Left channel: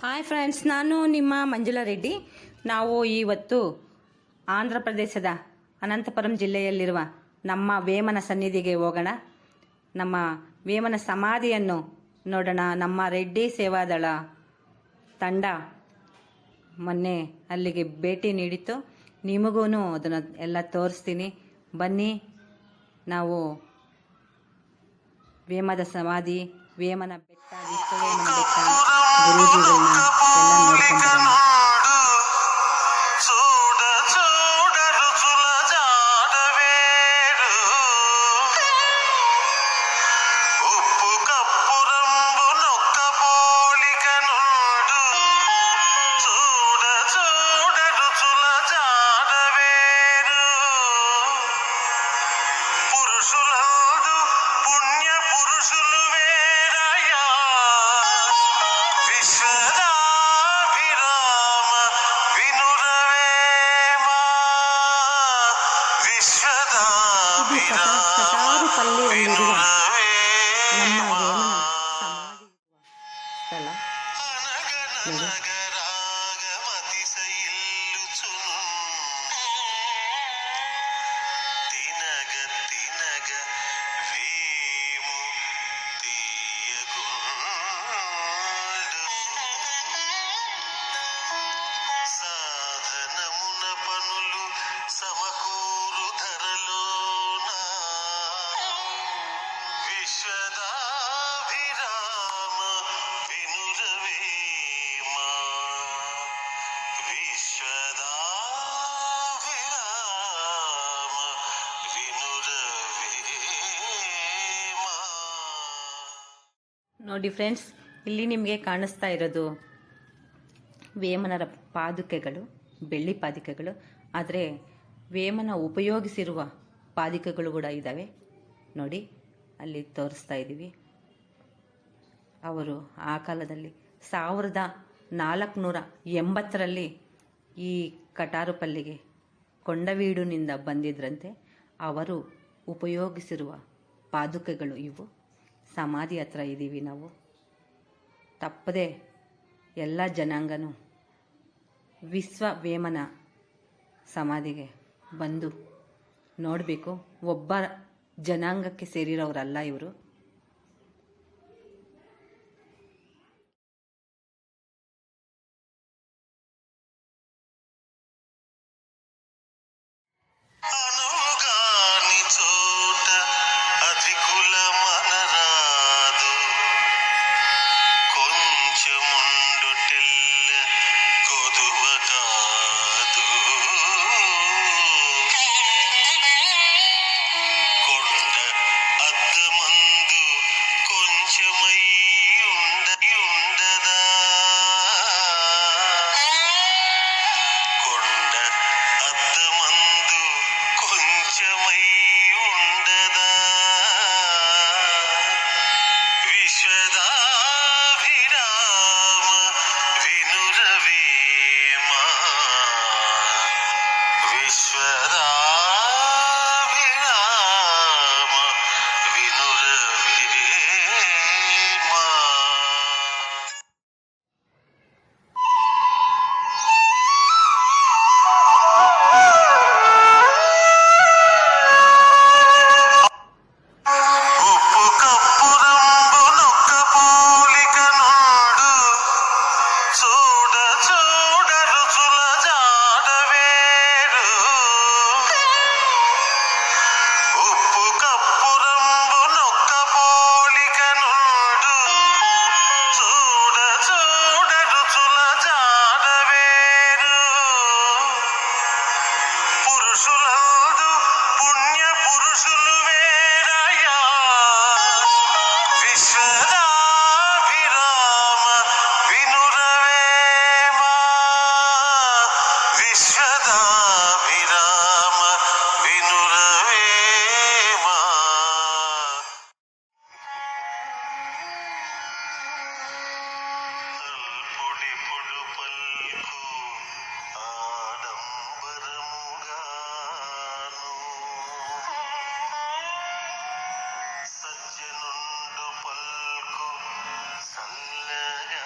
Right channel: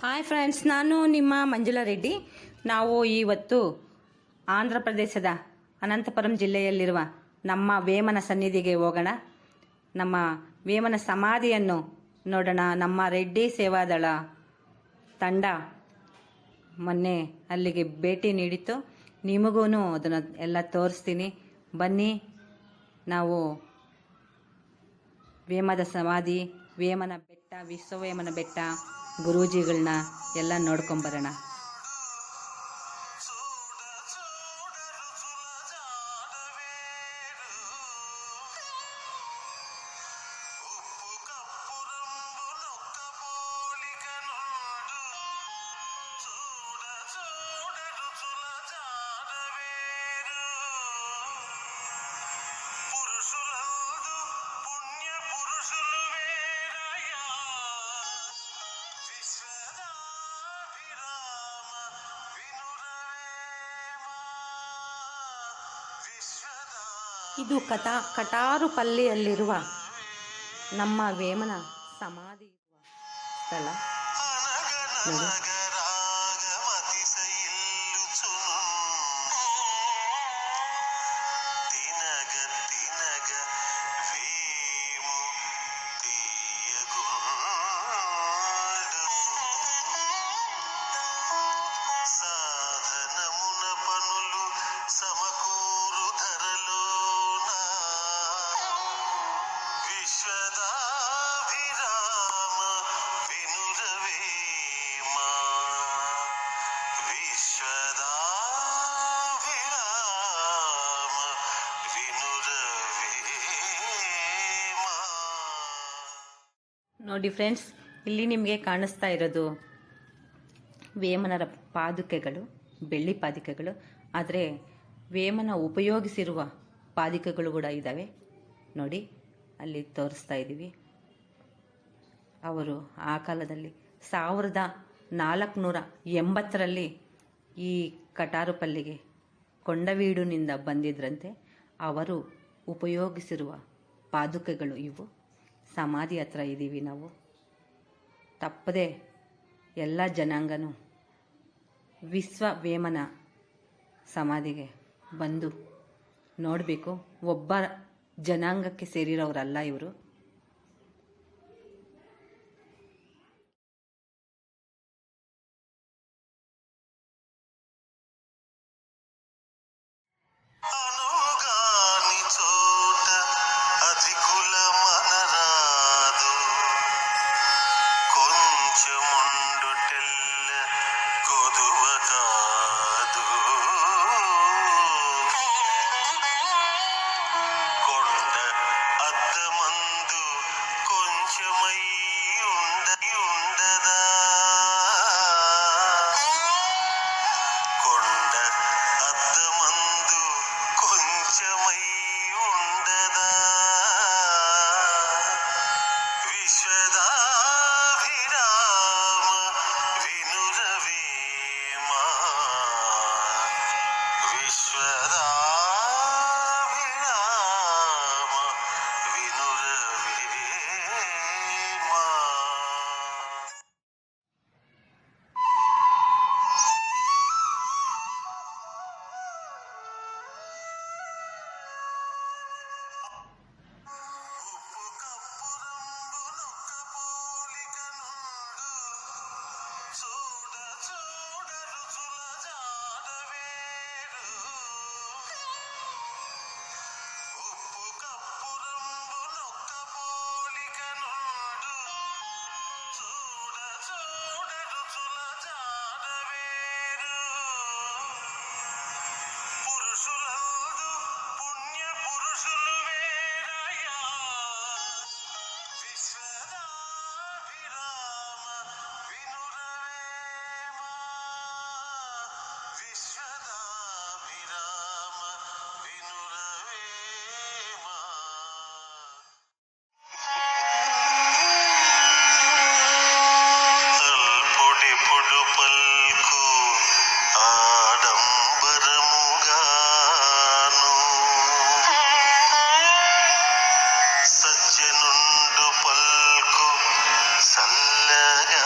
Hi friends, ನಾನು ನಿಮ್ಮ ಮಂಜುಳಾ ರೆಡ್ಡಿ. ನಾವು ಇವತ್ತು ಆಂಧ್ರ ಪ್ರದೇಶದ ಅನಂತಪುರಂ ಜಿಲ್ಲೆಯಲ್ಲಿರುವ ನಮ್ಮ ವೇಮನ ಸನ್ನಿಧಿಗೆ ಹೋಗೋಣ. ನಮ್ಮ ವೇಮನ ಸಮಾಧಿಯನ್ನು ನೋಡೋಣ. ನಮ್ಮ ರೆಡ್ಡಿ ಸೇವಾದಳ ತಂಡ ಮೊನ್ನೆ ಅಲ್ಲಿಗೆ ಭೇಟಿ ನೀಡಿತ್ತು. ನಿಮಗೂ ಅದನ್ನು ಎಲ್ಲ ತೋರಿಸ್ತೀನಿ. ಬನ್ನಿ, ನಾವು ವೇಮದ ಸಮಾಧಿ, ವೇಮನ ಬೆಟ್ಟ, ವಿಶ್ವವೇಮನ ಬೆಟ್ಟ, ಗುರೂಜಿಗಳನ್ನ ಎಲ್ಲ ನೋಡ್ಕೊಂಡ್ಬರೋಣ. ಇದು ಕಟಾರುಪಲ್ಲಿಯಲ್ಲಿರುವ ನಮ್ಮ ವೇಮನ ಸಮಾಧಿ ಸ್ಥಳ ನೋಡಿ. ನೋಡಿ ಫ್ರೆಂಡ್ಸ್, ಇಲ್ಲಿ ನಿಮಗೆ ಕಾಣಿಸ್ತಾ ಇರೋದು ವೇಮನರ ಪಾದುಕೆಗಳು, ಬೆಳ್ಳಿ ಪಾದುಕೆಗಳು. ಆದರೆ ವೇಮನ ಉಪಯೋಗಿಸಿರುವ ಪಾದುಕೆಗಳು ಕೂಡ ಇದ್ದಾವೆ ನೋಡಿ, ಅಲ್ಲಿ ತೋರಿಸ್ತಾ ಇದ್ದೀವಿ. ಅವರು ಆ ಕಾಲದಲ್ಲಿ 1480ರಲ್ಲಿ ಈ ಕಟಾರುಪಲ್ಲಿಗೆ ಕೊಂಡವೀಡಿನಿಂದ ಬಂದಿದ್ರಂತೆ. ಅವರು ಉಪಯೋಗಿಸಿರುವ ಪಾದುಕೆಗಳು ಇವು. ಸಮಾಧಿ ಹತ್ರ ಇದ್ದೀವಿ ನಾವು. ತಪ್ಪದೆ ಎಲ್ಲ ಜನಾಂಗನೂ ವಿಶ್ವವೇಮನ ಸಮಾಧಿಗೆ ಬಂದು ನೋಡಬೇಕು. ಒಬ್ಬ ಜನಾಂಗಕ್ಕೆ ಸೇರಿರೋರಲ್ಲ ಇವರು. సజ్జనుండు పల్కు చల్లగా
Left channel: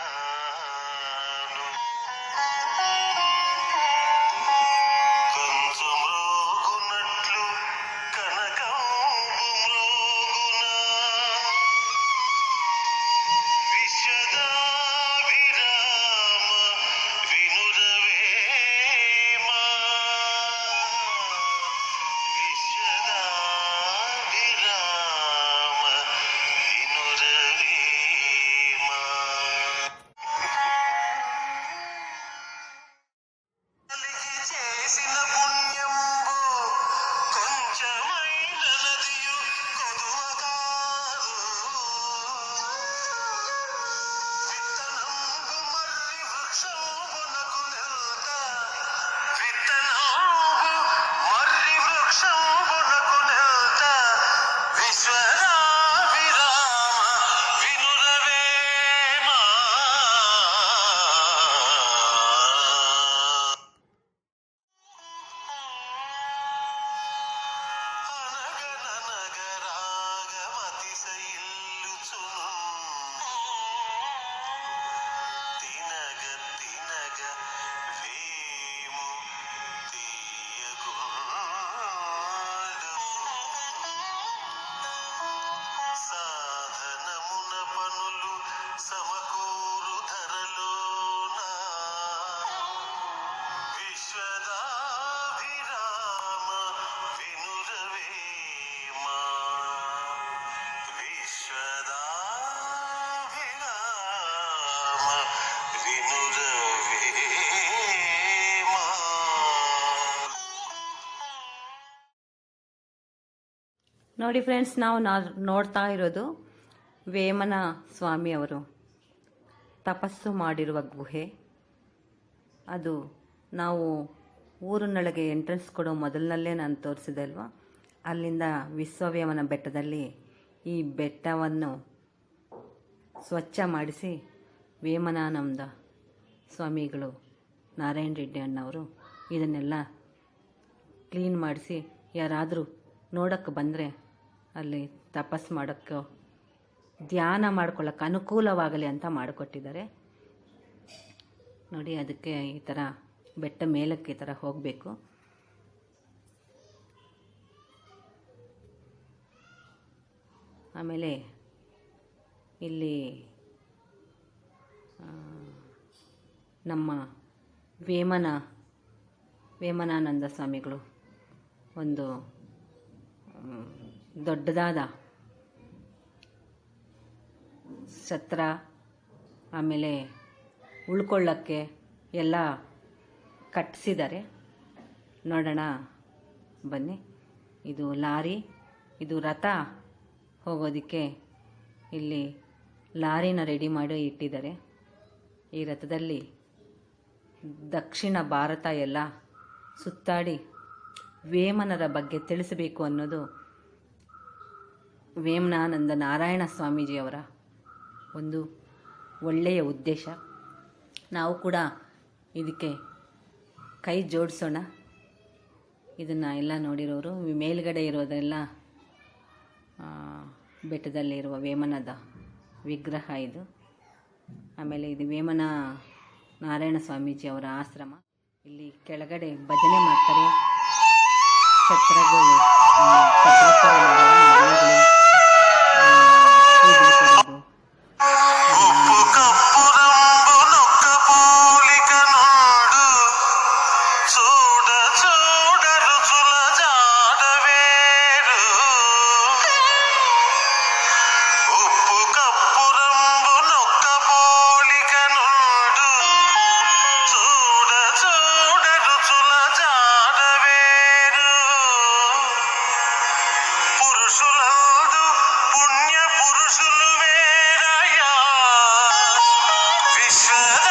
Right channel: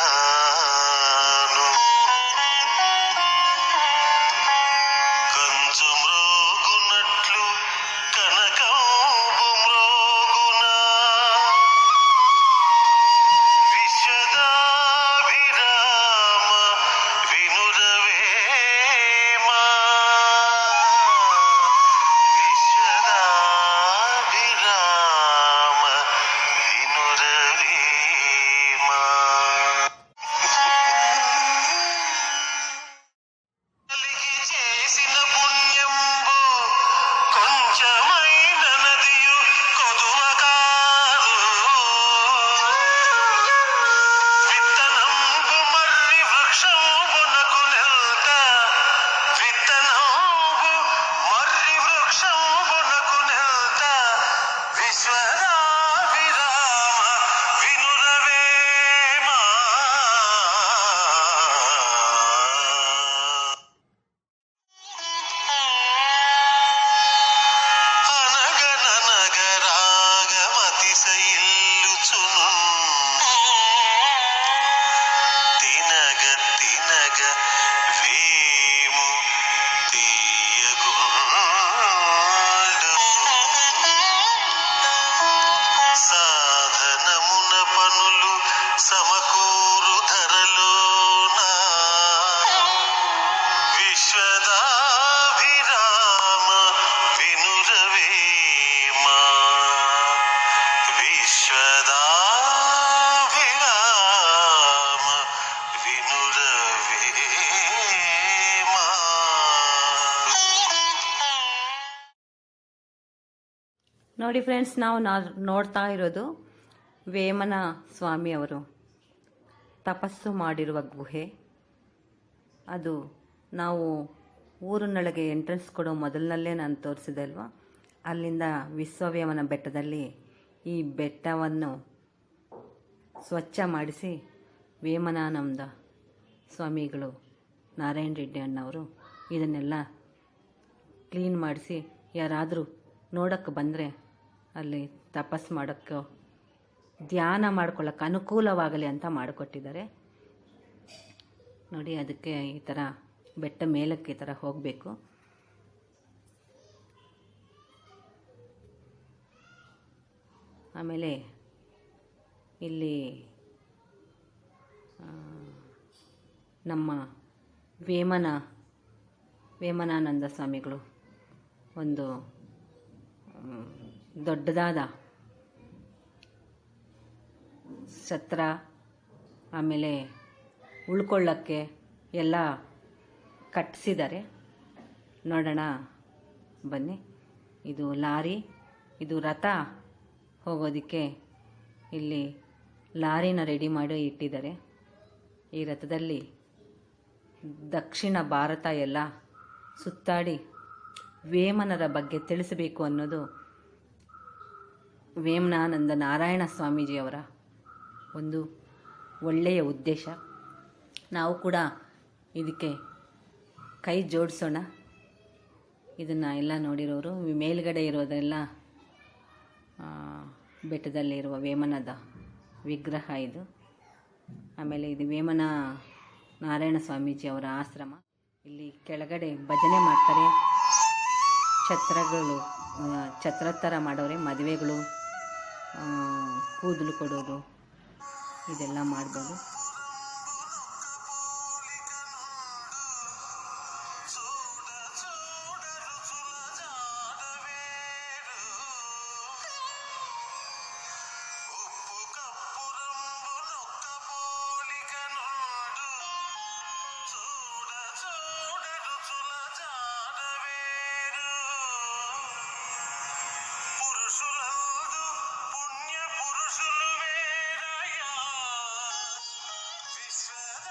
ನೋಡಿ ಫ್ರೆಂಡ್ಸ್, ನಾವು ನೋಡ್ತಾ ಇರೋದು ವೇಮನ ಸ್ವಾಮಿ ಅವರು ತಪಸ್ಸು ಮಾಡಿರುವ ಗುಹೆ. ಅದು ನಾವು ಊರಿನೊಳಗೆ ಎಂಟ್ರೆನ್ಸ್ ಕೊಡೋ ಮೊದಲಿನಲ್ಲೇ ನಾನು ತೋರಿಸಿದೆ ಅಲ್ವಾ, ಅಲ್ಲಿಂದ ವಿಶ್ವವೇಮನ ಬೆಟ್ಟದಲ್ಲಿ ಈ ಬೆಟ್ಟವನ್ನು ಸ್ವಚ್ಛ ಮಾಡಿಸಿ ವೇಮನಾನಂದ ಸ್ವಾಮಿಗಳು ನಾರಾಯಣ ರೆಡ್ಡಿ ಅಣ್ಣವರು ಇದನ್ನೆಲ್ಲ ಕ್ಲೀನ್ ಮಾಡಿಸಿ ಯಾರಾದರೂ ನೋಡೋಕ್ಕೆ ಬಂದರೆ ಅಲ್ಲಿ ತಪಸ್ಸು ಮಾಡೋಕ್ಕೆ, ಧ್ಯಾನ ಮಾಡ್ಕೊಳ್ಳೋಕ್ಕೆ ಅನುಕೂಲವಾಗಲಿ ಅಂತ ಮಾಡಿಕೊಟ್ಟಿದ್ದಾರೆ. ನೋಡಿ, ಅದಕ್ಕೆ ಈ ಥರ ಬೆಟ್ಟ ಮೇಲಕ್ಕೆ ಈ ಥರ ಹೋಗಬೇಕು. ಆಮೇಲೆ ಇಲ್ಲಿ ನಮ್ಮ ವೇಮನಾನಂದ ಸ್ವಾಮಿಗಳು ಒಂದು ದೊಡ್ಡದಾದ ಛತ್ರ, ಆಮೇಲೆ ಉಳ್ಕೊಳ್ಳೋಕ್ಕೆ ಎಲ್ಲ ಕಟ್ಟಿಸಿದ್ದಾರೆ. ನೋಡೋಣ ಬನ್ನಿ. ಇದು ಲಾರಿ, ಇದು ರಥ ಹೋಗೋದಕ್ಕೆ ಇಲ್ಲಿ ಲಾರಿನ ರೆಡಿ ಮಾಡಿ ಇಟ್ಟಿದ್ದಾರೆ. ಈ ರಥದಲ್ಲಿ ದಕ್ಷಿಣ ಭಾರತ ಎಲ್ಲ ಸುತ್ತಾಡಿ ವೇಮನರ ಬಗ್ಗೆ ತಿಳಿಸಬೇಕು ಅನ್ನೋದು ವೇಮನಾನಂದ ನಾರಾಯಣ ಸ್ವಾಮೀಜಿಯವರ ಒಂದು ಒಳ್ಳೆಯ ಉದ್ದೇಶ. ನಾವು ಕೂಡ ಇದಕ್ಕೆ ಕೈ ಜೋಡಿಸೋಣ. ಇದನ್ನು ಎಲ್ಲ ನೋಡಿರೋರು, ಮೇಲ್ಗಡೆ ಇರೋದೆಲ್ಲ ಬೆಟ್ಟದಲ್ಲಿರುವ ವೇಮನದ ವಿಗ್ರಹ ಇದು. ಆಮೇಲೆ ಇದು ವೇಮನ ನಾರಾಯಣ ಸ್ವಾಮೀಜಿಯವರ ಆಶ್ರಮ. ಇಲ್ಲಿ ಕೆಳಗಡೆ ಭಜನೆ ಮಾಡ್ತಾರೆ, ಛತ್ರಗಳು, ಛತ್ರೋತ್ತರ ಮಾಡೋರು, ಮದುವೆಗಳು, ಕೂದಲು ಕೊಡೋದು, పురుషులు వేరయ్యా విశ్వద